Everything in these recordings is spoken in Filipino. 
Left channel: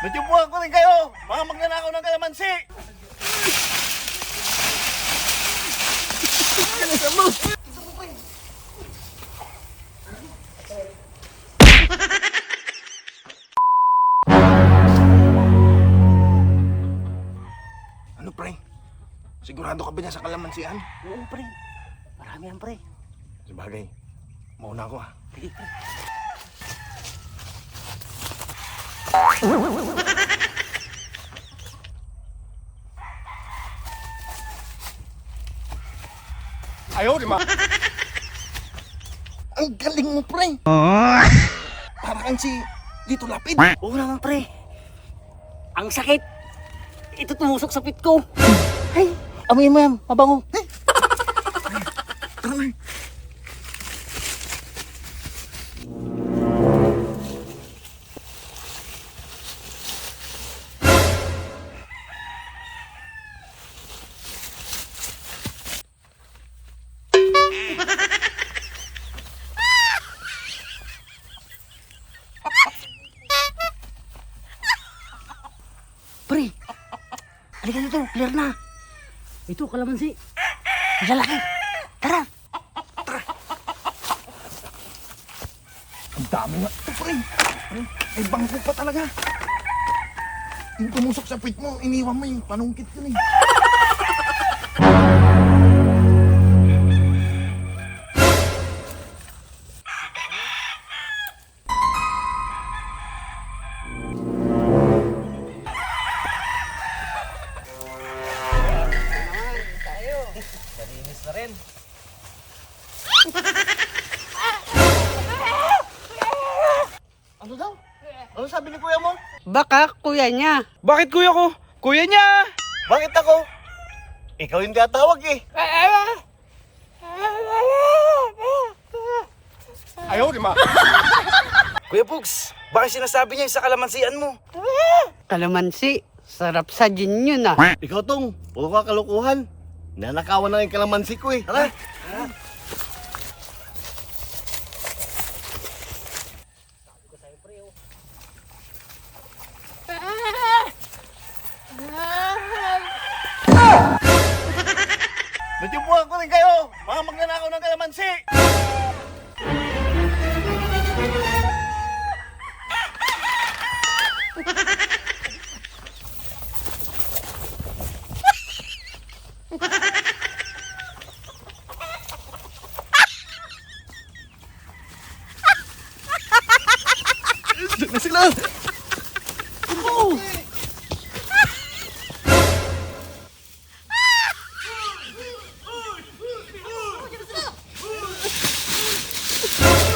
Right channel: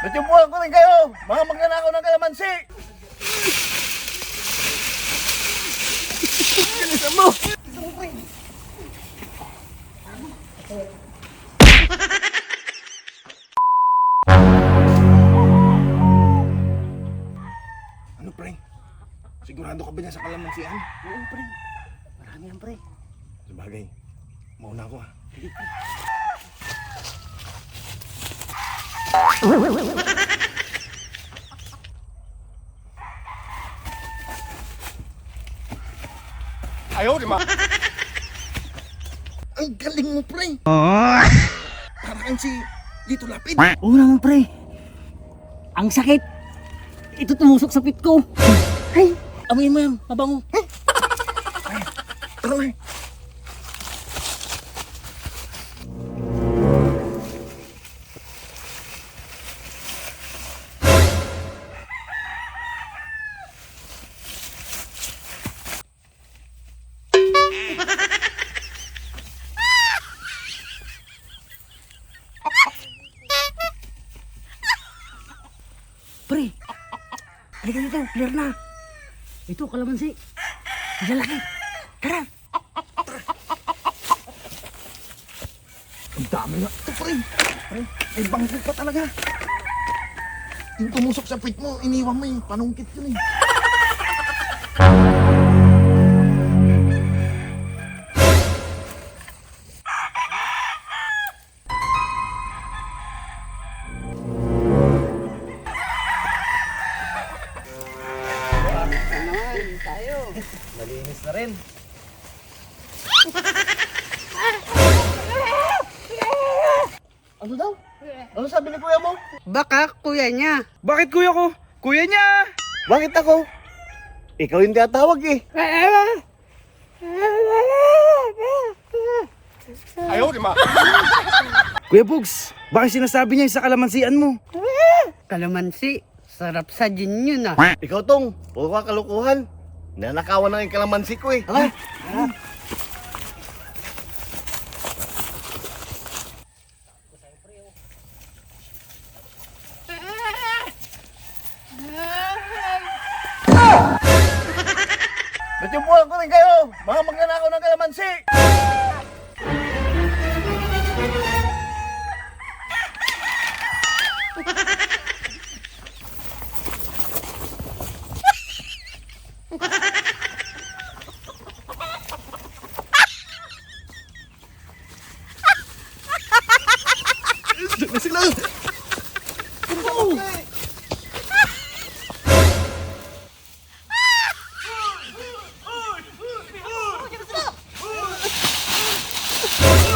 Natiyumpuan ko rin kayo! Mga magnanakaw ng kalamansi! Kalisan mo! Ano pre? Sigurado ka ba niya sa kalamansian? Oo, pre. Marami yan, pre. Sabagay, mauna ako ha. Sige, pre. Ayaw, di ma! Ang galing mo, pre! Para kang si Lito Lapid! Oo naman, pre. Ang sakit. Ito tumusok sa pit ko. Ay, amoy mo yan. Mabango. Tara na! Pre. Halika dito. Clear na. Ito, kalamansi. Lalaki. Tara. Ang dami nga ito, pre! Ay, bangko pa talaga! Yung tumusok sa puwit mo, iniwan mo yung panungkit yun eh. Malinis na rin. Ano daw? Ano sabi ni kuya mo? Baka kuya niya. Bakit kuya ko? Kuya niya! Bakit ako? Ikaw yung tinatawag eh. Ayaw, di ma! Kuya Bugs, bakit sinasabi niya yung sa kalamansian mo? Kalamansi. Sarap sa gin yun ah. Ikaw tong, puro ka kalukuhan. Nanakawan na yung kalamansi ko eh. Natiyumpuan ko rin kayo! Mga magnanakaw ng kalamansi! Diyan na sila!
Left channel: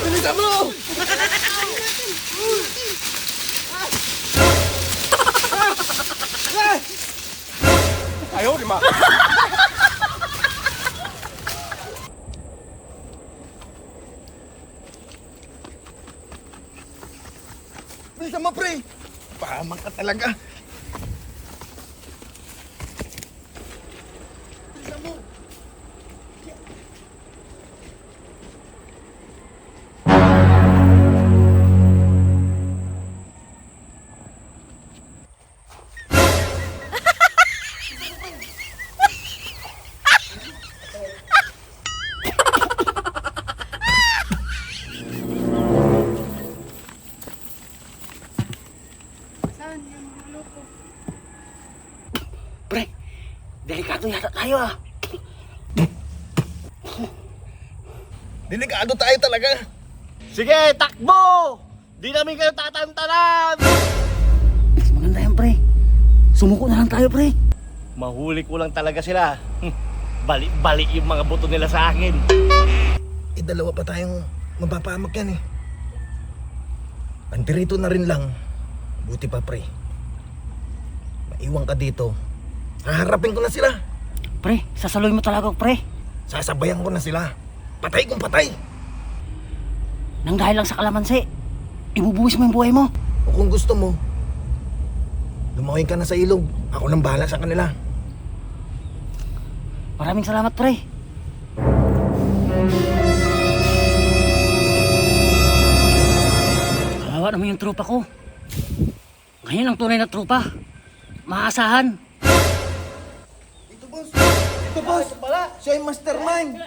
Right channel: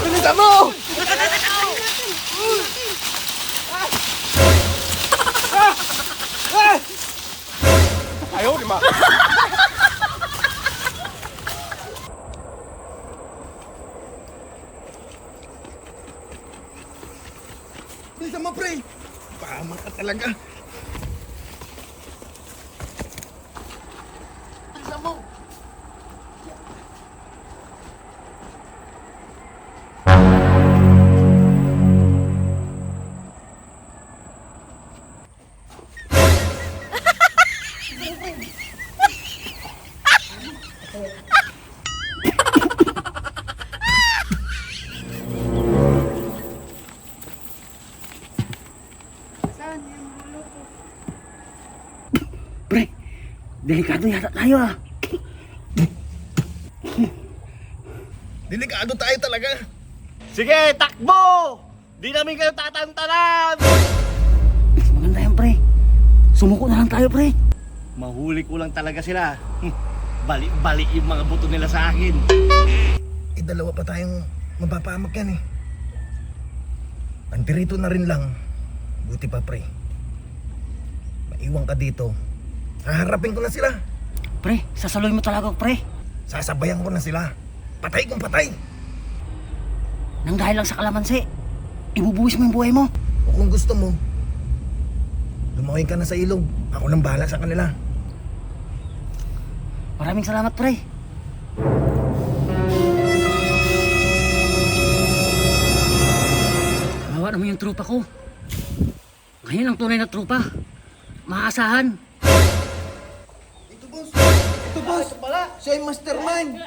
Bilisan mo! Ayaw, di ma! Bilisan mo, pre! Pahamak ka talaga! Bilisan mo! Pre, delikado yata tayo ah. Delikado tayo talaga! Sige, takbo! Di namin kayo tatantanan! Mas maganda yan, pre. Sumuko na lang tayo, pre. Mahuli ko lang talaga sila. Bali-bali yung mga buto nila sa akin. Dalawa pa tayong mapapahamak yan eh. Andirito na rin lang. Buti pa, pre. Maiwan ka dito. Haharapin ko na sila. Pre, sasaloy mo talaga, pre. Sasabayan ko na sila. Patay kung patay. Nang dahil lang sa kalamansi, ibubuwis mo yung buhay mo. O kung gusto mo, lumawin ka na sa ilog. Ako nang bahala sa kanila. Maraming salamat, pre. Kawawa naman yung tropa ko. Ngayon ang tunay na tropa. Maasahan. Ito boss. Ito boss. Siya yung mastermind.